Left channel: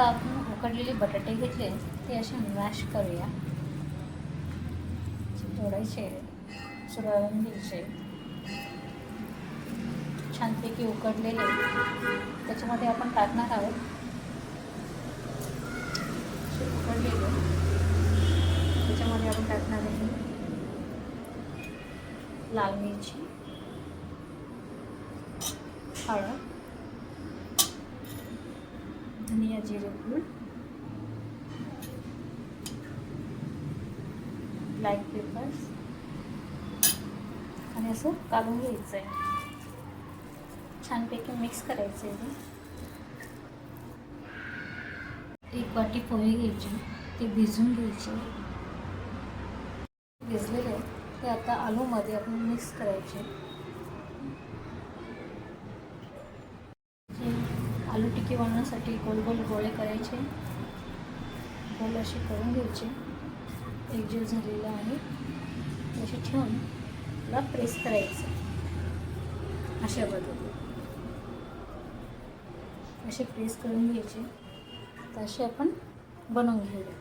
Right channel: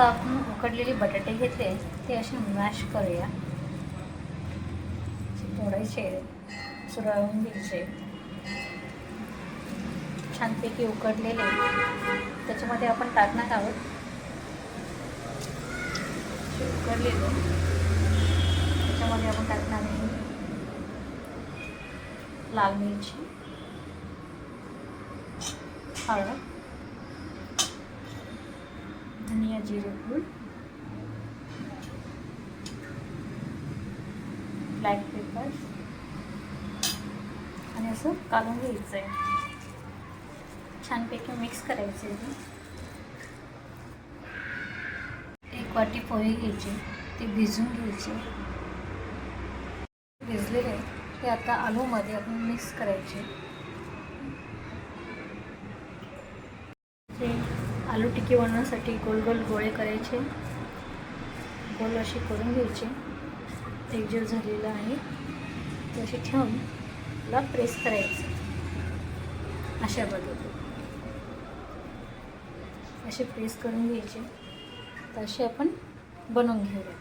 आता आपण उकडलेले बटाटे घेतले, ते असे मॅश करूया. तोडायचे, सुरळून घ्यायचे. छानपैकी उकडलेले त्याच्यामध्ये आपण टाकणार आहोत. उकडलेले त्याच्यामध्ये आपण टाकणार आहे लाल मिरची, हळद, धनिया जिरे पूड, ब्लॅक पेपर आणि असं काढून घ्यायचं आहे. छानपैकी मिक्स करायचे आहे. एक वाटी पोहे घ्यायचे, ते भिजून घ्यायचे. भिजलेले ते आता आलूमध्ये आपण मिक्स करायचे. ते आलू टिक्की बनवण्यासाठी गोल गोल गोळे करायचे. गोल असे करून घ्यायचे. एकजीव झालेलं आहे ते असे ठेवून त्याला प्रेस करायचं. अशा पद्धतीने असे प्रेस करून घ्यायचे. तर असे आपण बनवून घेऊया.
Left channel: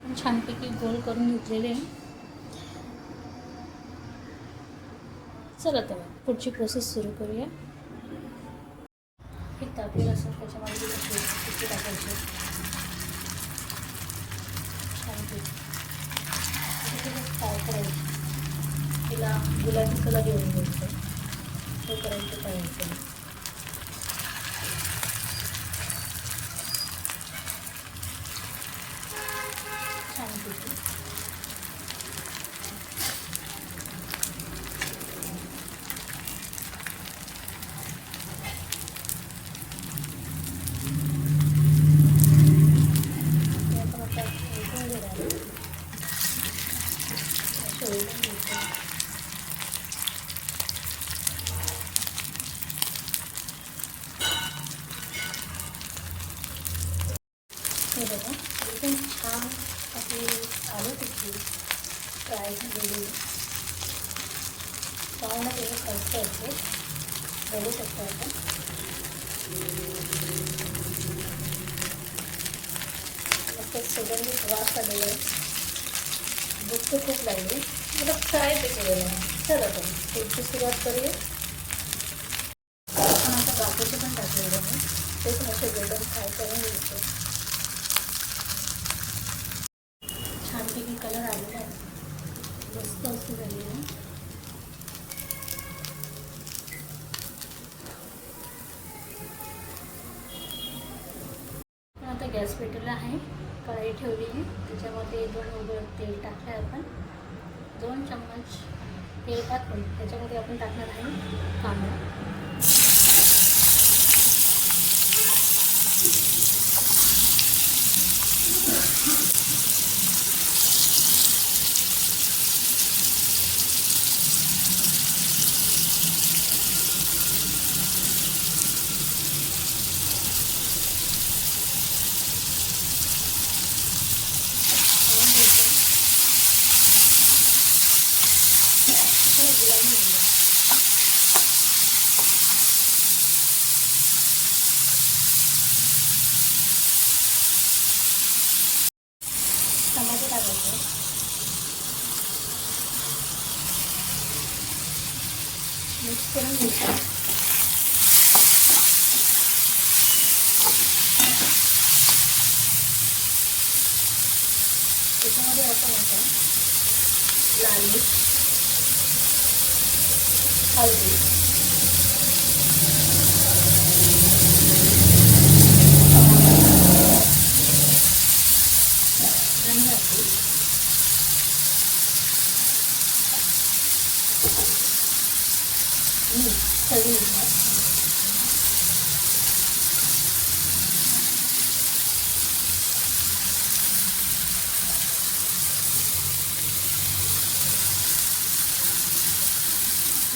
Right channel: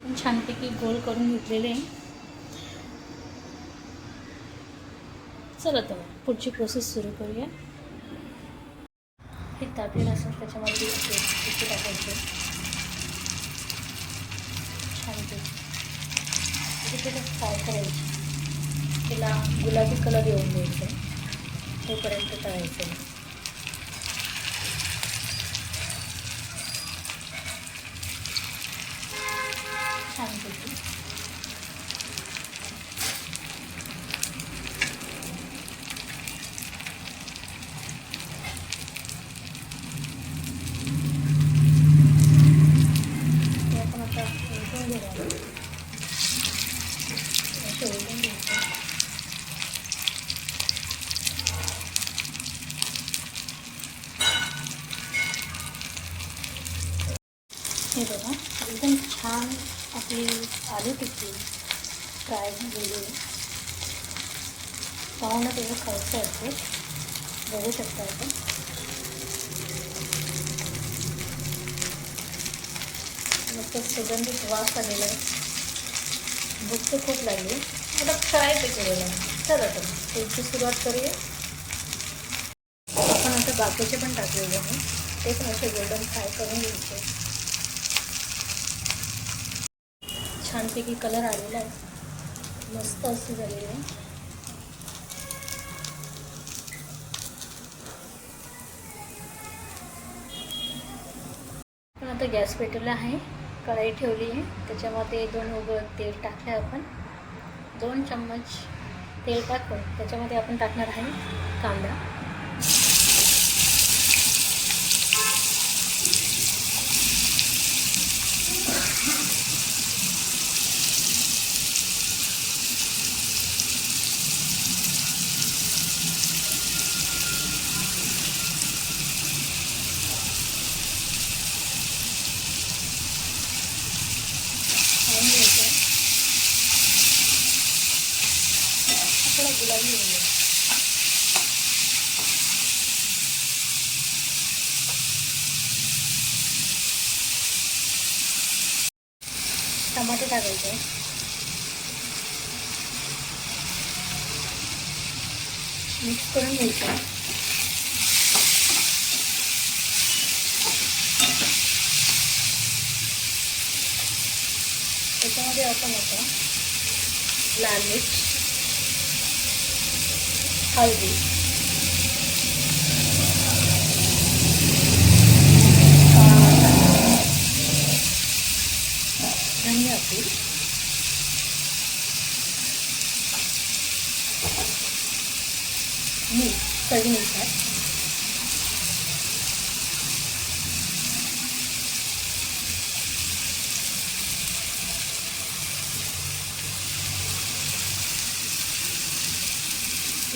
आपण छानपैकी गोल करून घेतलेले. चला तर पुढची प्रोसेस सुरू करूया. हे तापलेलं असं त्याच्यामध्ये पिठी टाकायचे. छानपैकी त्याला फ्राय करायची. तिला गुलाबी कलर येऊन द्यायचा, तोपर्यंत तळायचं. छानपैकी ते आपण आता उलटून घेणार. असे उलटून घ्यायचे. हे बघा एकदम छान आपली आलू टिक्की फ्राय झालेली. पावामध्ये खर्च येते, बघू शकता आपण. मस्त सुगंधित वास आलेला आहे. भूक तर खूप लागली. मला फ्राय ते केलेलं आहे. चला तर पुढची सुरुवात करूया. आपण आता बाकीचे पण टाकलेले आहे, ते पण असे गोल्डन फ्राय करून घ्यायचे. छानपैकी कलर आलेला आहे, मस्त असं झालेलं आहे. पण आता गॅस पेटवला आहे, कढाई ठेवली आहे. त्याच्यामध्ये 2 उघड तेल टाकले आपण. 2 चम्मच तेल टाकून त्याच्यामध्ये आपण टाकणार आहे कांदा. गुलाबी होईल. टमाटे टाकायचे. मिक्स करून घ्यायचं. त्याच्यामध्ये आपण आता लाल मिर्च, हळदी, धनिया पूड, मीठ चवीनुसार,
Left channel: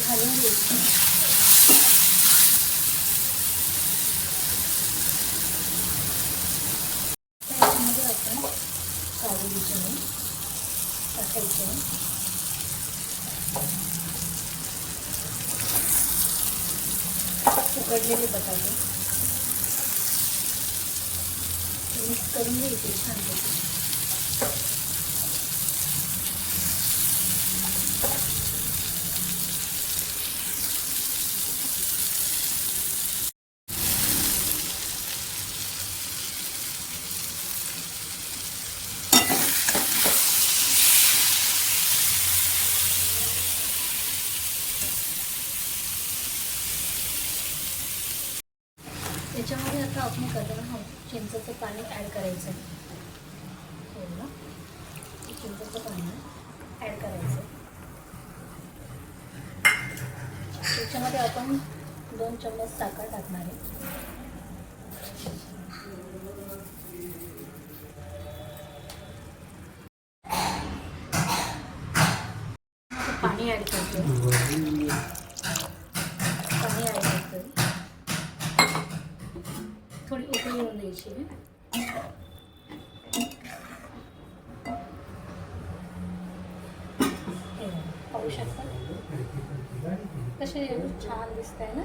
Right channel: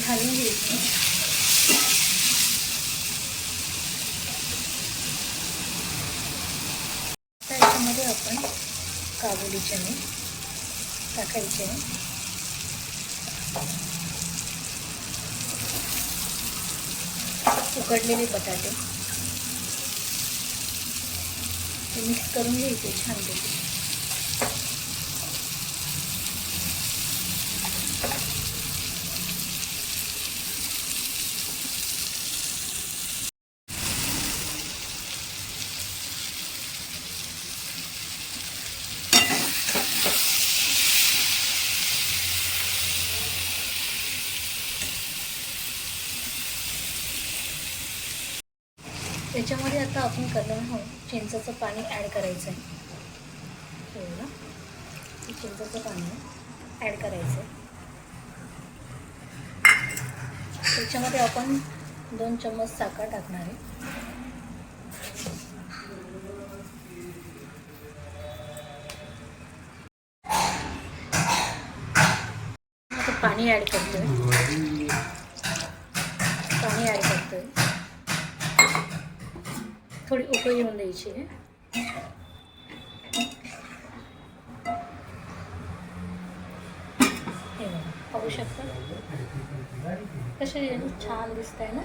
घालून घ्यायचं. त्याच्यामध्ये आपण काबुली चणे टाकायचे. उकडलेले बटाटे, मिक्स करून घ्यायचे छानपैकी. त्याच्यामध्ये आता आपण करणार आहोत चिंचेचं पाणी ॲड करायचं आहे. एवढं चिंचेचं पाणी ॲड करायचं. त्याच्यामध्ये आपण 2 चम्मच साखर टाकणार आहे. आता पाणी ॲड करतो. पाणी ॲड करतो. थोडी उकळी येऊन द्यायची आहे. हे बघा, पाहू शकता कसे छान दिसत आहे ना.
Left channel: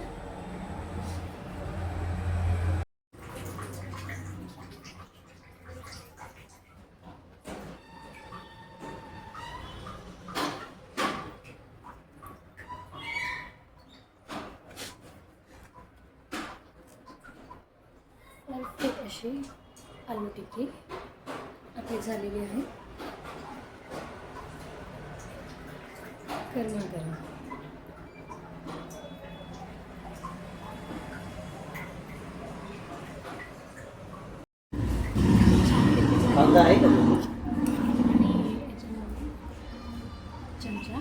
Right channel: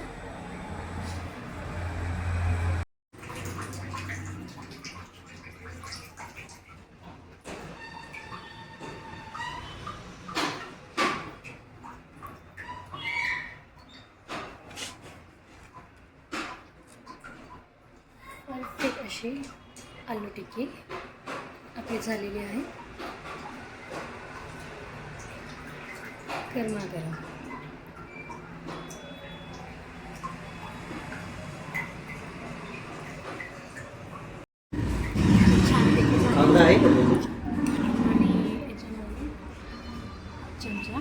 परफेक्ट अशी आलू टिक्की आपली झालेली आहे. गरमागरम. छानपैकी झाली आहे. आणि याच्यामध्ये चमचा